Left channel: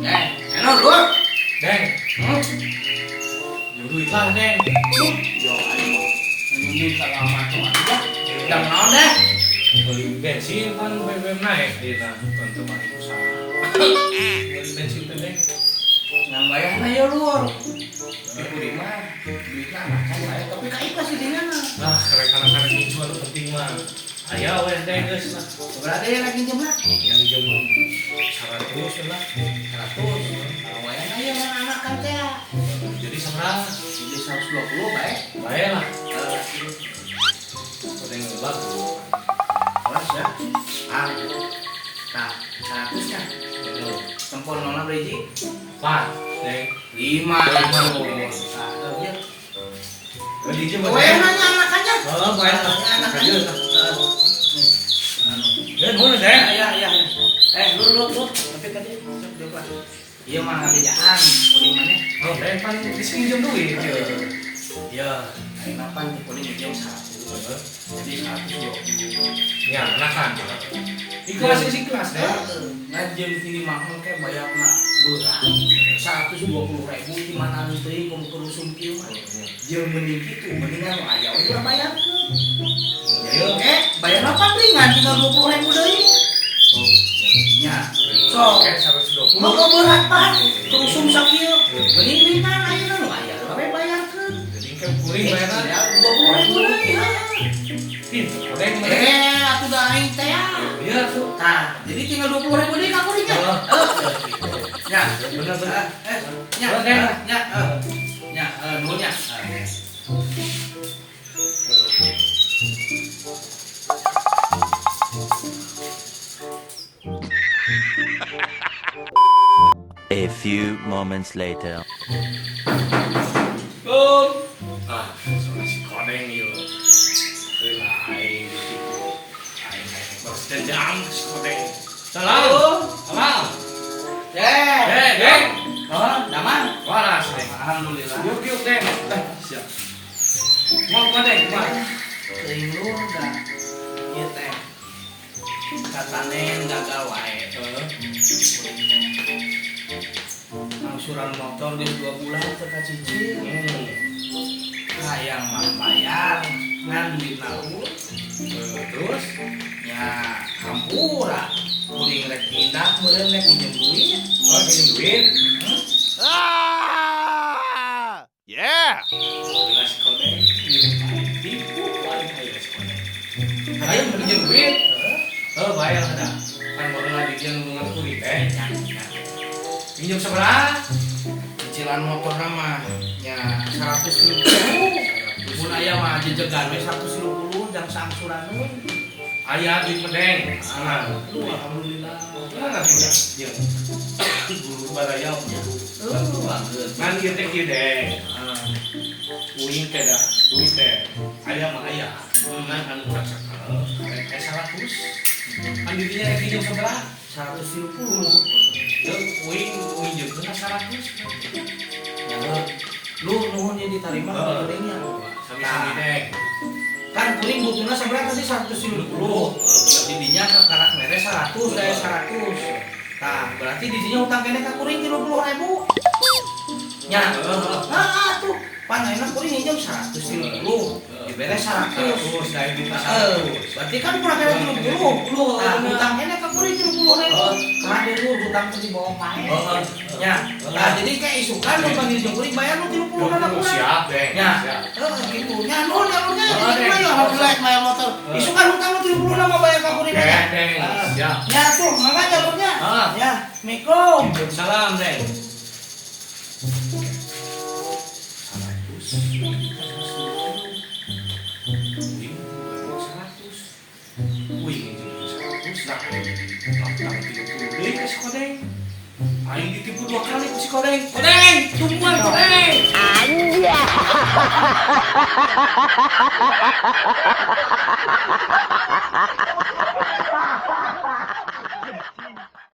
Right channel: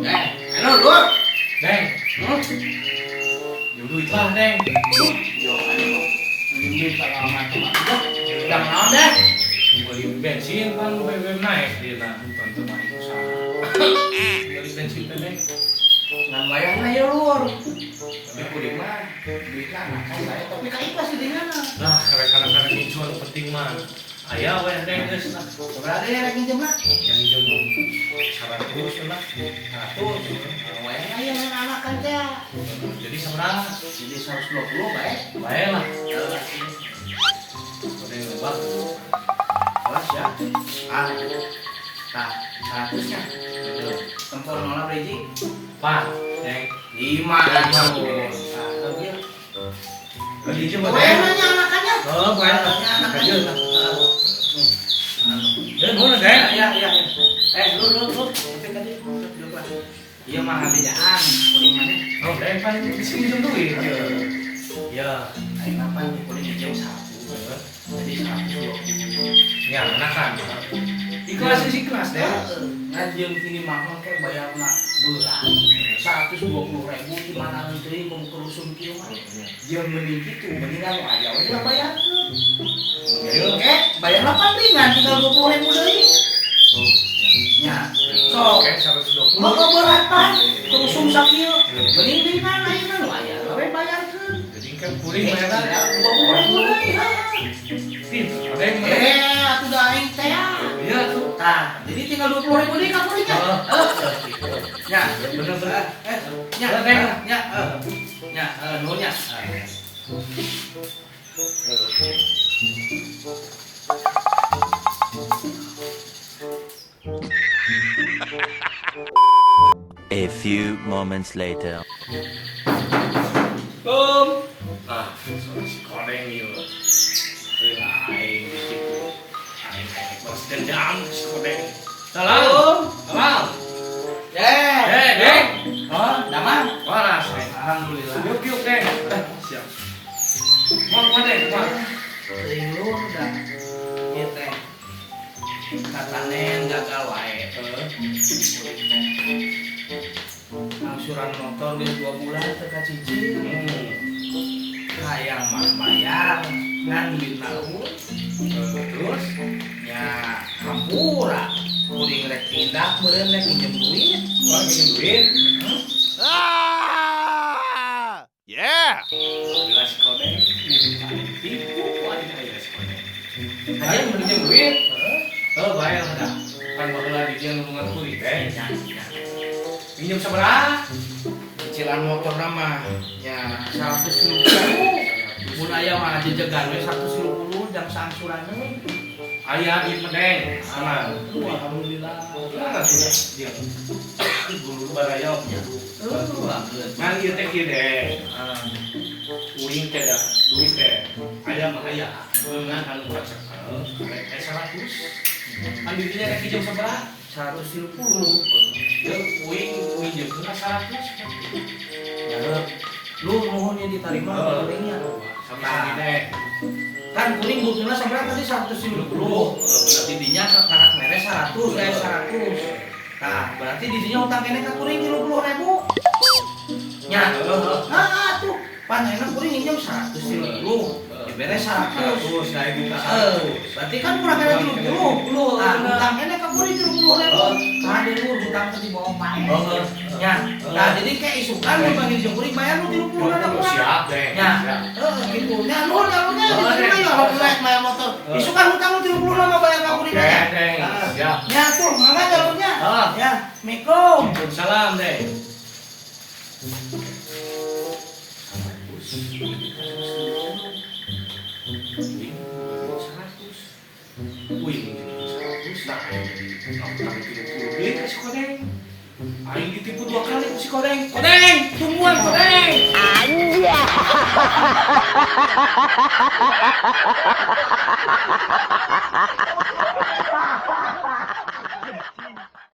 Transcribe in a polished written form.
Deng, enak lu. Deng, duit lah Deng. Yo, anu. Ini kalau macam-macam. Jam naon deh? Beli bensin kan BBM naik dia tentu mah usaha. Beli bensin teh Deng. Ngan bayarna ya lur. Di kuring mah duitna makan bae tapi ka ikhlas sih dengan. Nah, karena pincuan penting mah. Aya we Deng geus lah. Berada ya lagi jam lah. Yang jam 100 lah. 100. Bayarna ya anak kan teh. Jadi seberapa? Jadi 120 bae. Bae lah. Ada yang lebak. Kelas ya. Tah, 100 nya. Tempol nona beriji. Pak, Deng. 5 tuh. Satu ya. Lagi aja buat. Bayarnya anak aja. Oh, bayar Anak aja. Deng, mana Deng? Ya. Lu. Tapi tadi duduk lah. Iya mah ngabejaan kuning mana? Oh, Deng kan bisa pinjam duit. Ya. Ayo apa nih kuning jauh 1. Jadi 120. Ya, enakan. Ikhlas sih kelas Deng. Ngajian kini mahal kayak bayar nak berat 120.000 di mana nanti kamu kerusung kieu mah. Jeung mending kitu mendingan nu aya we lah bayar. Jadi oke, bayar apa ringan tinggal 20.000 deui. Nya. So, Oke, 120. mau berat pan kerusung sakieu. Mending ringan ayeuna nu aya we bayarkeun. Jadi kayak kuring bayarna. 20.000 deui. Deng, Atuh da aing teh. iya tuh. Nah, jadi tinggal 20.000 deui ka kuringnya. Ya, bener-bener. Nunya. A few moments later. Soalnya si kodeng yuk. Heula aing gitu. Aing balas dendam si kodeng. Salam. Deng. Oh, damang. Waras, Deng. Alhamdulillah. Yuk, Deng. Siap. Mau Deng, Pak. Teuing lu da. Ieu teh. Katanen gagal wae. Angsuran motor geus 2 bulan teu kacicil. Hayang mah bayar ngan dina Terus? nya hampura. Kuring rek pindah meureun rek minjem duit. Oh, minjem duit. Yeah. Bila si kodeng tipu aing aya si kodeng. Hayang minjem duit. Oh, bayar ada. Kan bakal di dia nulungan kuring teh. Minjem seberapa? Cicilan motor mah nya 150. Mun aya mah dijegan we 150 jam saangsuran we. Aya di Medeng. Sana. Alhamdulillah. Mana tuh ya? Dia. Guru barayau. Ngan ieu teh kieu Deng. Uing teh da duit teh. Aya mah aya. Ngan anu cak-cak. Karek 100. Kan di dinya rek pinjem seberapa? 150. Ya uing jeung kena 100. Lu nuhunnya diterima kodengnya. Sama-sama Deng. Kan kuring butuhna sampai tadi 150. Berarti dinya karak mere 100 saya 100. Nah, berarti di dinya utang kene ka kuring 30.000. Nya. Nah, tuh. Pan enak kuring hinjam 150. Diberes 100. Saya di Berarti kan kurang kena 30. Nah, utang kene ka kuring 30.000. Karena dia lu utang ke di bawah main. Nya. Nah, jadi kayak isukan lu panggil jeung kuring bayar lu 30 ada kurang. Siap Deng. Ya, gitu. Nya nuhun ka lu teh. Alhamdulillah bayar motor. Isukan hutang lu 30 lama bayar ka kuring. Oke Deng. Siap. Ya tuh, mangga jalurnya. Ya, Assalamualaikum. Salam Deng. Aing ditipu 2 kali ku si Kodeng. Kodeng, tungguan Kodeng. Anjay.